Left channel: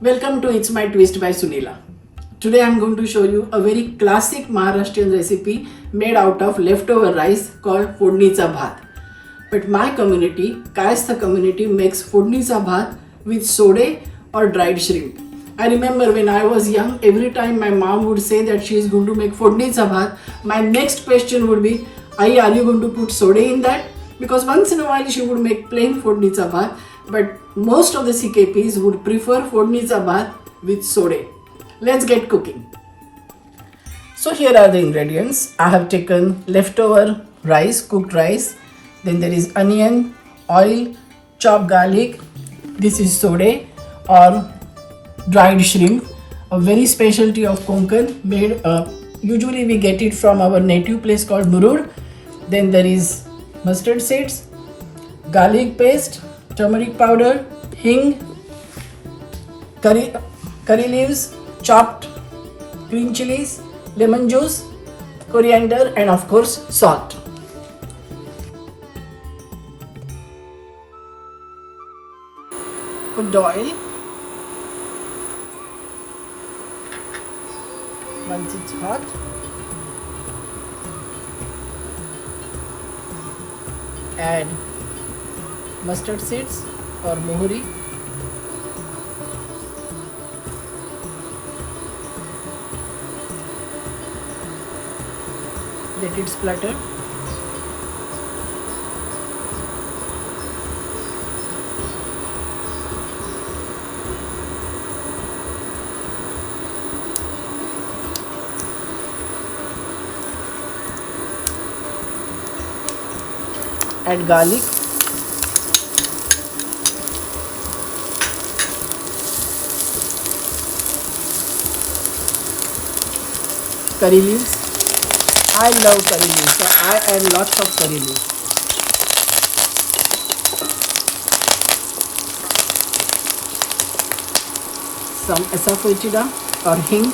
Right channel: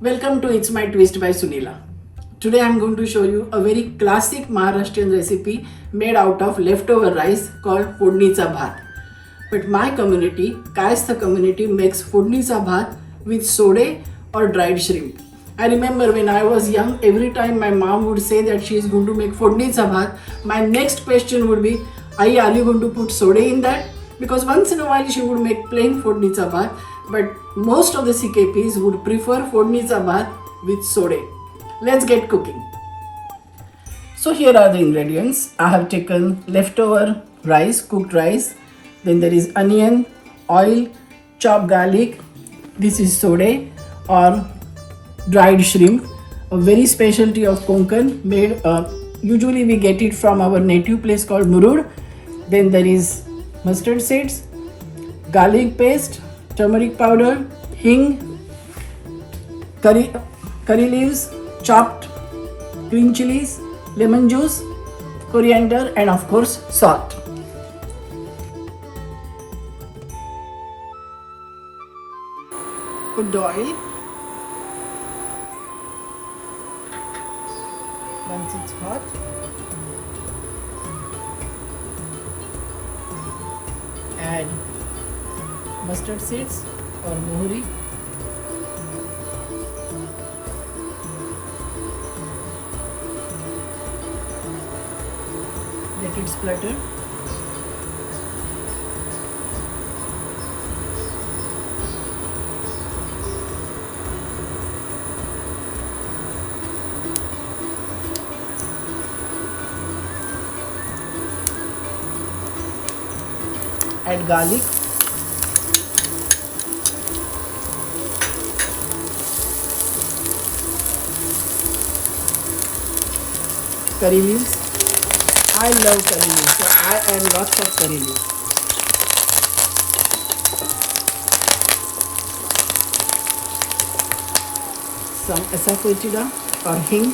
Welcome to It's My Twist by Sunila. Today I'm going to show you a very classic Maharashtrian recipe made out of leftover rice called Fodnicha Bhat. But my community, Kayastha community, makes Fodnicha Bhat with sode or dried shrimp. I remember when I was young, every time my mom would say that she is going to make Fodnicha Bhat, my next question would be, Ai, are you going to put sode in that? Because once in a while she would make plain Fodnicha Bhat, but most of the CKPs would prefer Fodnicha Bhat with sode. Let's get cooking. So here are the ingredients. I have taken leftover rice, cooked rice. Then there is onion, oil, chopped garlic. This is sode or dried shrimp, a very specialty of Konkan made. Usually we get it from our native place called Murud. Then there is mustard seeds, garlic paste, turmeric powder, hing, curry leaves, chopped green chilies, lemon juice, coriander, and of course salt. Put the oil. Once it's hot, add mustard seeds or mohuri, let it splatter. Add garlic, curry leaves. I love curry leaves, so I add lots of curry leaves. Some asafoetida or hing.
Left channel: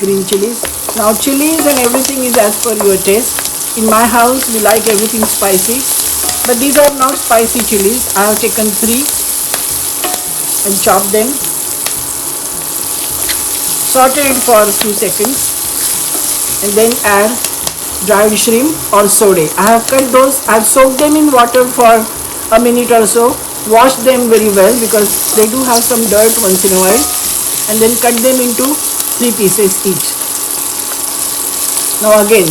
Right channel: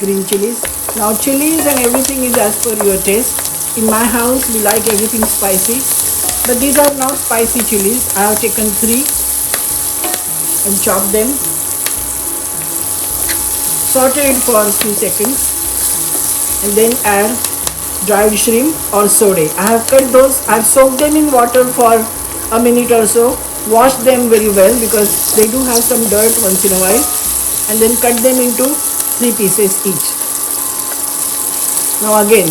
Green chilies. Now chilies and everything is as per your taste. In my house we like everything spicy, but these are now spicy chilies. I have taken 3 and chopped them. Saute it for a few seconds and then add dried shrimp or sode. I have cut those. I have soaked them in water for a minute or so. Wash them very well because they do have some dirt once in a while, and then cut them into 3 pieces each. Now again,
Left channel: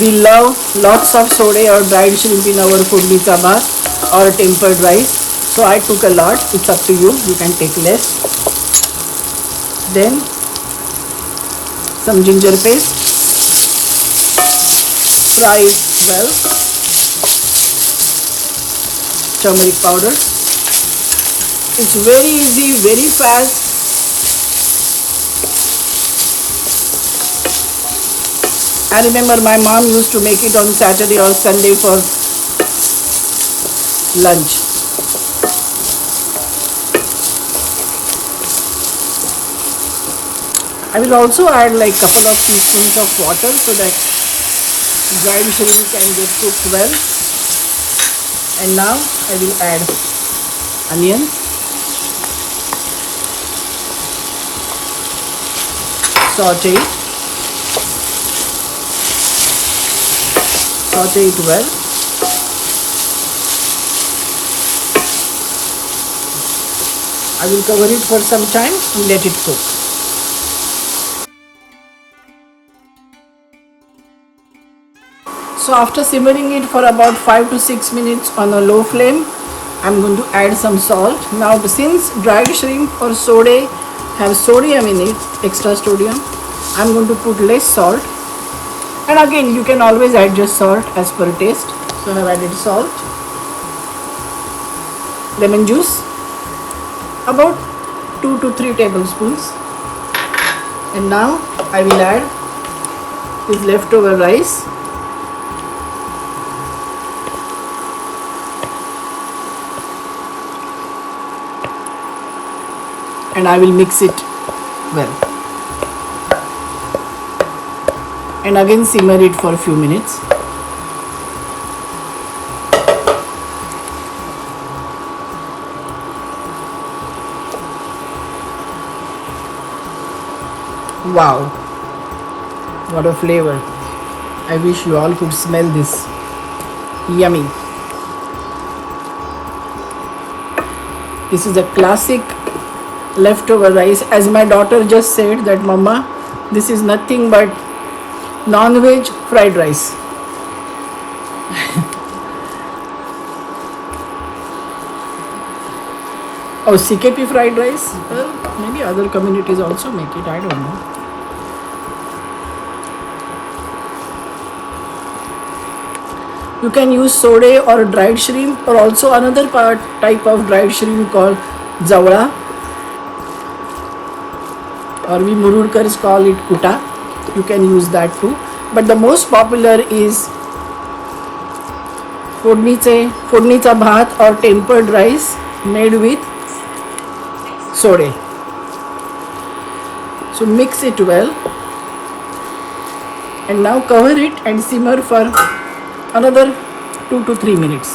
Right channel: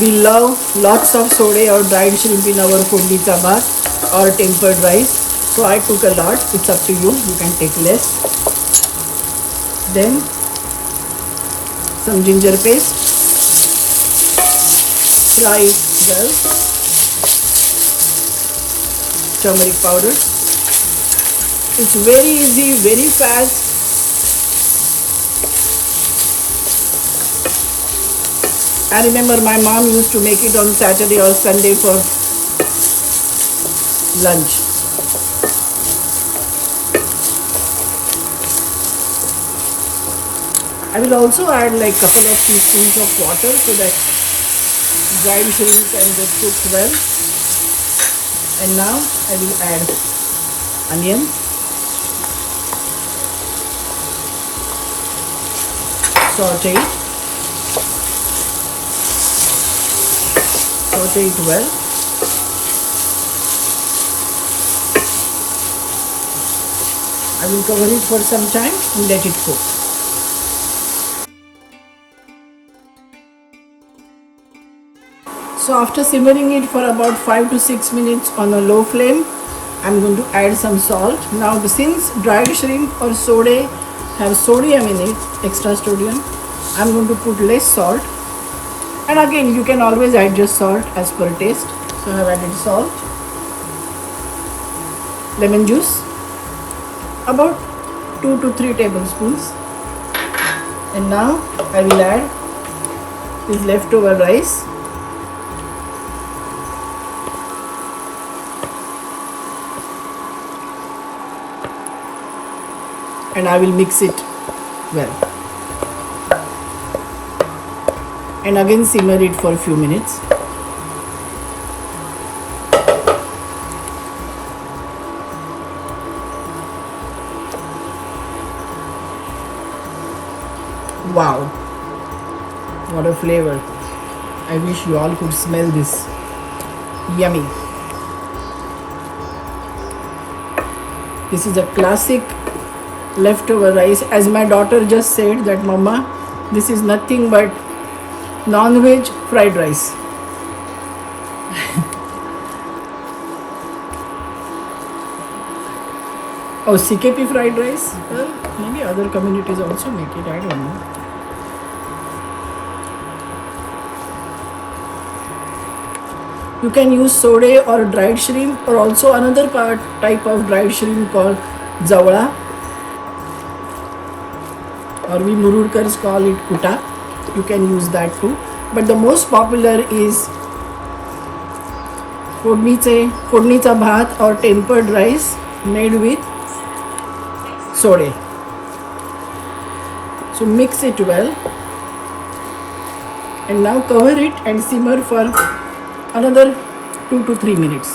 we love lots of sode or dried shrimp in our Fodnicha Bhat or tempered rice. So I took a lot. It's up to you. You can take less. Then some ginger paste. Fry it well. Turmeric powder. It's very easy, very fast. I remember my mom used to make it on Saturday or Sunday for lunch. I will also add like a couple of teaspoons of water so that dried shrimp can get cooked well. And now I will add onion, saute it well. I will cover it for some time and let it cook. So after simmering it for about 5 to 6 minutes on a low flame, I'm going to add some salt. Now since dried shrimp or sode have sodium in it, extra sodium, I'm going to put less salt. And again, you can always adjust salt as per taste. So I have added salt, lemon juice, about 2 to 3 tablespoons. And now I will add this leftover rice. And I will mix it well. And again simmer it for a few minutes. Wow, what a flavor. I wish you all could smell this. Yummy. This is a classic leftover rice. As my daughter just said that, Mama, this is nothing but non-veg fried rice. Oh, CKP fried rice? Well, maybe other communities also make it, I don't know. You can use sode or dried shrimp, or also another type of dried shrimp called zawla, or we Murudkars call it kuta. You can use that too. But the most popular is फोडणीचा भात or tempered rice made with sode. So mix it well and now cover it and simmer for another 2 to 3 minutes.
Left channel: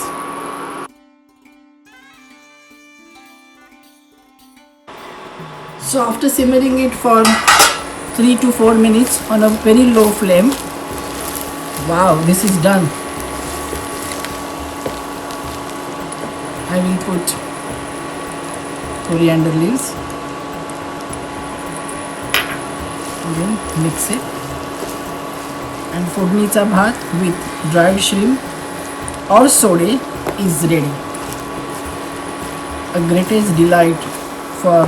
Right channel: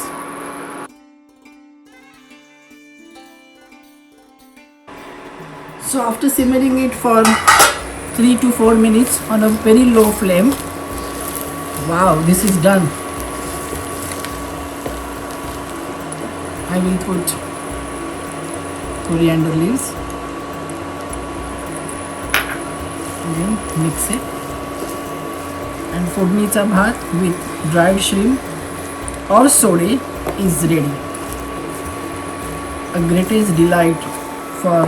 So after simmering it for 3 to 4 minutes on a very low flame, wow, this is done. I will put coriander leaves, again mix it, and फोडणीचा भात with dried shrimp or sode is ready. A greatest delight for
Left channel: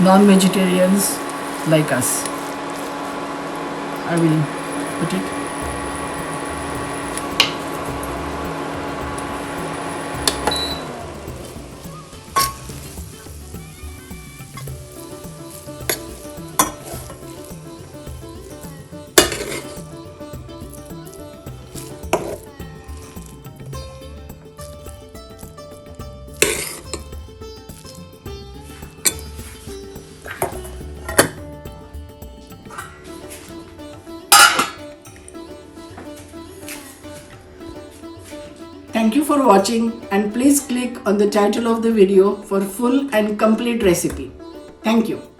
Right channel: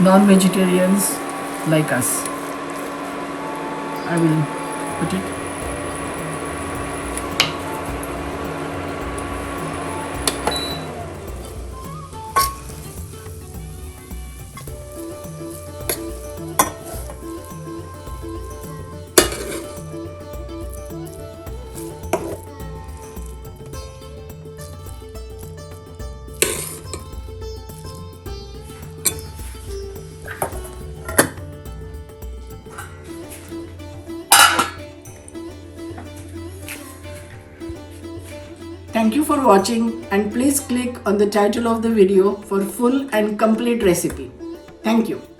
non-vegetarians like us. I will put it. Thank you for watching, and please click on the title of the video for full and complete recipe. Thank you.